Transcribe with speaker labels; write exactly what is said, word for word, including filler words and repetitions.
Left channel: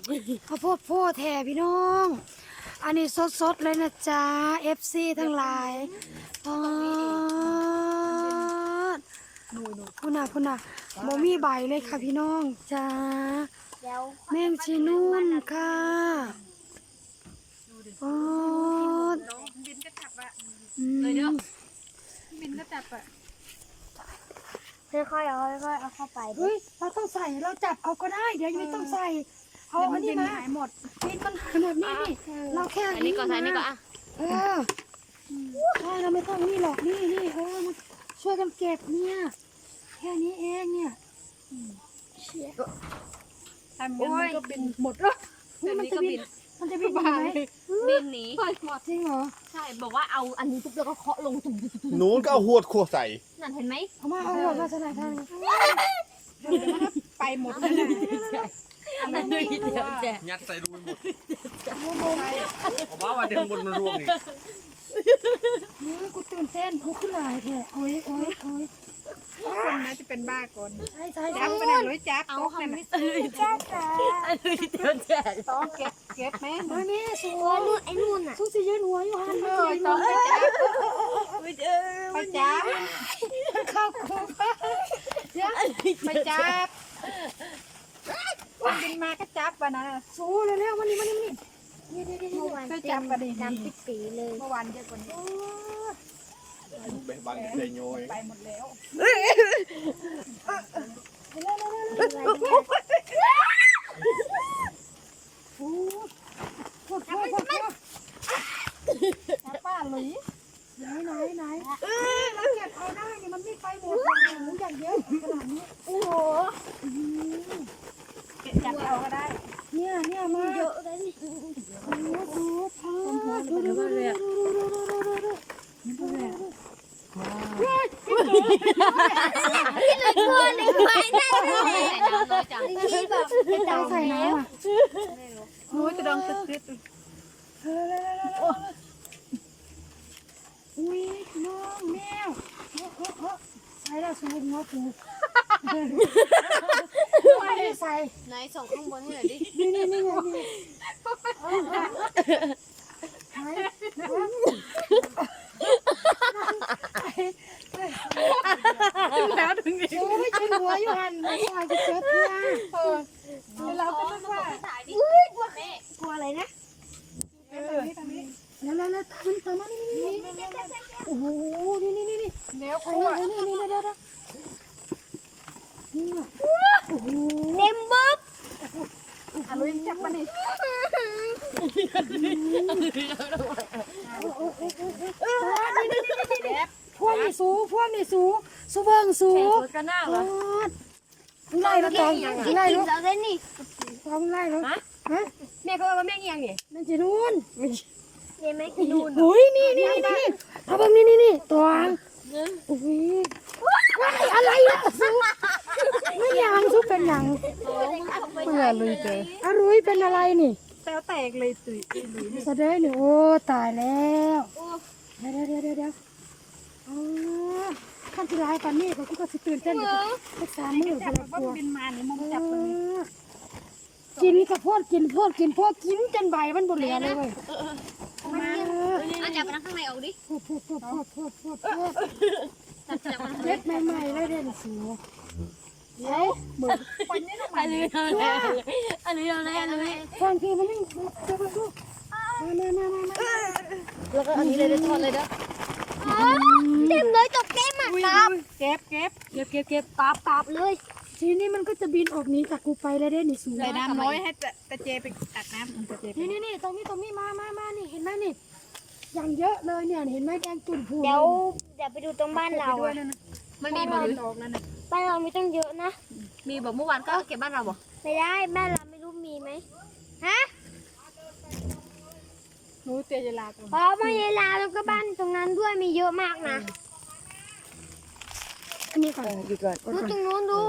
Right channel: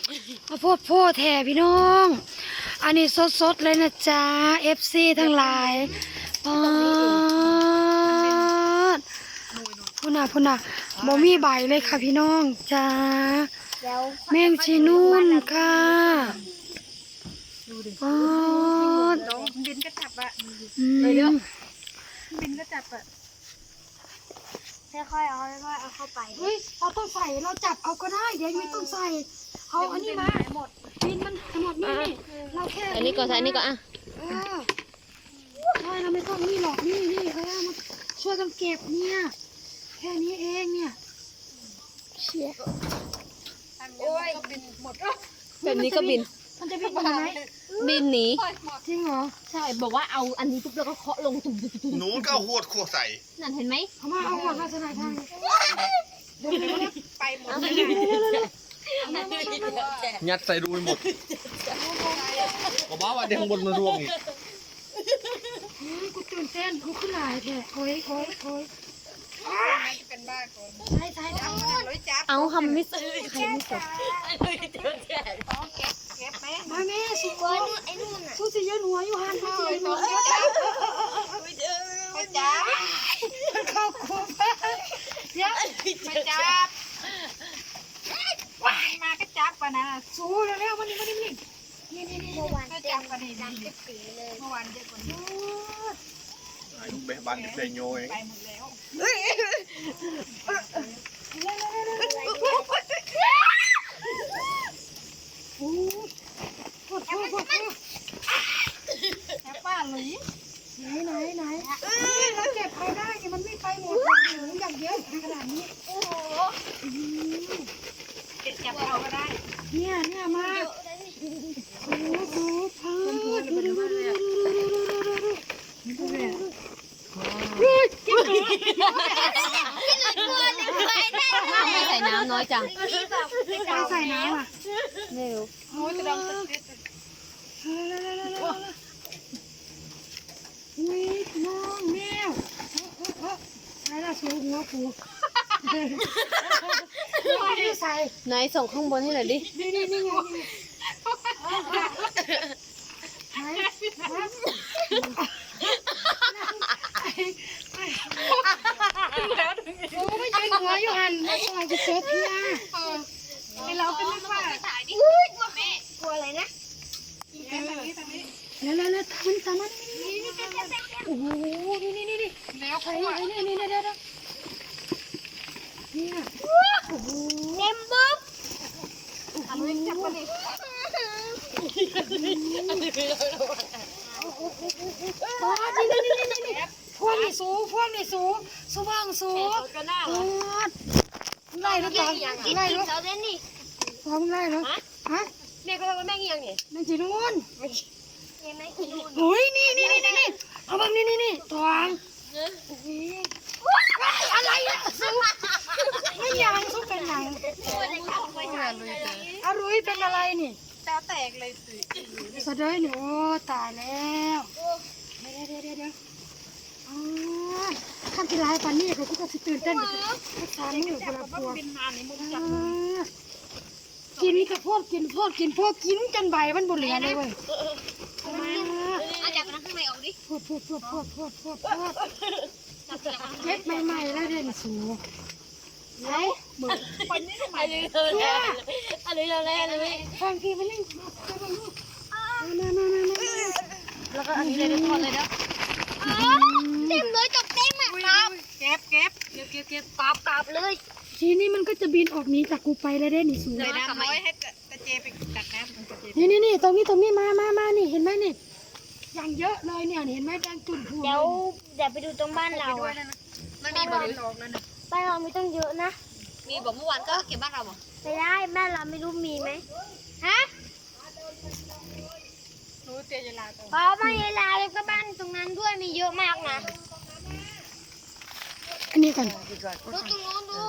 Speaker 1: ข้าวโพดโพดแท่พี่น้องอันนี้สดๆเลยนะจ๊ะ เอฟ ซี ทั้งหลายปอดพุ่นน่ะพุ่นน่ะบ่มีใบเลยค่ะพี่น้องจ้าแมงชีนุ่นค่ะปอด
Speaker 2: บินก็จับอะ
Speaker 1: อืม
Speaker 2: บินก็จับอะ
Speaker 3: ค่อยๆเอาค่อยๆเอาเข้าไป
Speaker 1: เฮ้ยเราต้องใส่เราจับเอาก็ได้เดี๋ยวยังไม่ต้องใส่เอาอันนี้มา
Speaker 2: หมด
Speaker 1: ปีนมันหายหมดนี่นี่เราแค่
Speaker 4: อันนี้ก่อนใส่อันนี้ก่อนอ่ะ
Speaker 1: เออใช่เราไม่ต้องนี่หรอกนี่นี่เออมาช่วยกันเก็บเนี่ยแค่นี้เองเนี่ยเชี่ย
Speaker 2: ทำยังไงก็บินหมดแล้ว
Speaker 4: แบบนี้ก็บิน
Speaker 1: มันจะบินไปไหน
Speaker 4: บินหนี
Speaker 1: จริงเหรอ
Speaker 4: ใช่บอกว่าเอาอันนี้ปุ๊บแล้วก็เคาะลงตุ่ม
Speaker 5: หนูก็เอาหวดขวดใส่
Speaker 4: นั่นเห็นไหม
Speaker 1: เอามาเอาหัวมาสนายทางเลย
Speaker 2: ไปหมด
Speaker 5: ยัดใส่รูไปหมดบอกว่าว่าเดี๋ยวข้างบนมันร่วงอีก
Speaker 1: เฮ้ยกูตื่นเต้นกูขึ้นหลายแท้โอ้ยโอ้ยโอ้ย
Speaker 2: คนน่าจะเป็นบ้าก่อน
Speaker 1: ใช่ใช่ใช่
Speaker 2: จับขนาดร้อยจับ
Speaker 4: เอาทำไม่ซื้อไอ้เลยเจอแก่
Speaker 2: ต้องเก็บเก็บไหม
Speaker 1: มาแม่สวย
Speaker 3: ไอ้นู่นอ่ะ
Speaker 1: สู้สิยืนหัวอยู่หัน
Speaker 2: เอ
Speaker 1: สู้
Speaker 2: อ
Speaker 1: สิยืน
Speaker 2: ต้
Speaker 1: หั
Speaker 2: อง
Speaker 1: ว
Speaker 2: จับไม่เจอไม่จับ
Speaker 1: เข้าคุกเดี๋ยว
Speaker 2: ไม่จับบินมาก็จับวะนะ
Speaker 1: สู้เร็วๆมานี่มานี่มานี่นี่นี่นี่
Speaker 3: เมื่อวานเต็มดำปิดปีเลย
Speaker 2: เมื่อวานเยอะกว่านี้
Speaker 5: อายุเบะบันเบะโยย
Speaker 2: ไปหมดแล้ว
Speaker 1: พูดพูดพูดพูด
Speaker 2: จับป้าหลุย
Speaker 1: ไหนไหนไหนนี่เราเก็บเอาได้นี่มันไม่ไปหมดอย่างหนูอย่างเยอะขนาดนี้
Speaker 3: โอ้โห
Speaker 2: เก็บจับเอาก็ได้
Speaker 1: เนี่ยเนี่ยมา
Speaker 3: เยอะเลยนี่
Speaker 1: โอ้โหพังดูดูดูดูดูดูดูดู
Speaker 3: ตัวหนึ่งไปได้เลย
Speaker 4: ใส่น้ำน้อยจัง
Speaker 3: นี่แบบไป
Speaker 1: ใส่
Speaker 3: ดำ
Speaker 1: ใส่น้ำอ่ะ
Speaker 2: โอ้ยจะดองติดติด
Speaker 1: อุ้ยน้องแมวใส่ละสูงหัวผูไม่ได้ใส่
Speaker 4: ไหนส่งข้างบนให้หน่อยดิ
Speaker 1: นี่นี่นี่ไงนี่
Speaker 2: แล้วถึงอีก
Speaker 1: โอ้ยยืนหัวอยู่หันมาปล่อยจะเจอเพีย
Speaker 2: เราก็นึกว่า
Speaker 3: อุ้ยกลัวแม่กลัวอะไรนะ
Speaker 2: ทางนี้ทางนี้
Speaker 1: แล้วแล้วแล้วมันตามมานี่นี่โอ้โหนี่นี่นี่นี่
Speaker 2: แล้ว
Speaker 1: ไอ้
Speaker 2: เขา
Speaker 1: ไอ้นี่นี่เดี๋ยวเดี๋ยวนี่โอ้โห
Speaker 3: เต็มบุ๊บ
Speaker 2: เอาลุยจับมาดิ
Speaker 1: นี่นี่นี่นี่พวกนี่สูพวกนี่สูสูเบิ้งสู
Speaker 4: ก็น่า
Speaker 1: โอ้ยไล่แล้วตอง
Speaker 3: กิน
Speaker 1: ไล่
Speaker 3: กิน
Speaker 1: แล้ว
Speaker 3: เราได้นี่
Speaker 1: ตองไล่แล้วฮะ
Speaker 4: แม่ก็ว่าแม่เอียงเนี่ย
Speaker 1: มันจีนู่น
Speaker 3: เห็นไหมนู่น
Speaker 1: โอ้ยนี่นี่นี่นี่เอาเบิ้งนี่นี่นี่ตองโอ้ยอะไรอ่ะสูนี่ยังสูเป็นยัง
Speaker 4: แม่ลุยเตะ
Speaker 1: อารุยเป็นอะไรนี่
Speaker 2: แต้วแตกเลยตุย
Speaker 1: สะเดยนี่โอ้ตายแล้วเดี๋ยวเดี๋ยวเดี๋ยวเดี๋ยวอ๋อขั้นที่ร้ายปันนี่เขาก็สิตื่นเต้นกับทุกสามมือพ
Speaker 2: จับ
Speaker 1: ลั
Speaker 2: แบบ
Speaker 1: กลัว
Speaker 2: บินมานี่มุม
Speaker 1: เอ
Speaker 2: จับ
Speaker 1: อกินกับพวกกินพวกกินพวกกินจนใบมันบุเหลือเลยเว้ย
Speaker 3: มา
Speaker 1: เออ
Speaker 3: เอาจับไปนั่งข้างในออกดิ
Speaker 1: พูดพูดพูดพูดพูดพูดพูดเจ็บใหม่ๆแล้วเด่นสูไหน
Speaker 2: คนนี้ทำไม
Speaker 4: อันนี้อะไรอันนี้อะไรอันนี้
Speaker 1: แฟนพี่มันนี่เจ้าลูกมามามามา
Speaker 4: แล้วก็อันนี้เลยทุกคนเลยนะ
Speaker 3: เต็มเลยจบเต็มอ่ะกราบ
Speaker 2: เก็บเก็บ
Speaker 4: เก็บเก็บเก็บ
Speaker 3: กราบกราบเลย
Speaker 1: ทีนี้มันก็จะบินออกนี้จากกูไปแล้วเด่นนี่สู
Speaker 2: ใส่น้ำน้อยให้ตะเจไปตักน้ำมันตะเจ
Speaker 1: นี่นี่นี่ตรงนี้ตรงนี้มามามานี่เห็นไหมนี่อย่างเยอะเลยเนี่ยเห็นไหมแดงจุ่นพู
Speaker 3: เดี๋ยวเดี๋ยวไปดูตรงบ้านเราอ่ะ
Speaker 4: มันมีบ่หรือ
Speaker 3: บ้านเรามีต้องเยอะนะ
Speaker 4: มีบอกเมื่อวานก็เก็บบ้านเราบอก
Speaker 3: ไม่ได้บ้านเราไม่รู้มีไหมฮะ
Speaker 2: หนูเตียลาตัว
Speaker 3: พอมาเวลาแล้วก็บ้านตรงนั้นด้วยมีเยอะมากนะ
Speaker 1: อันนี้ก่อนดีก่อน
Speaker 3: ดูตรงนู้นดู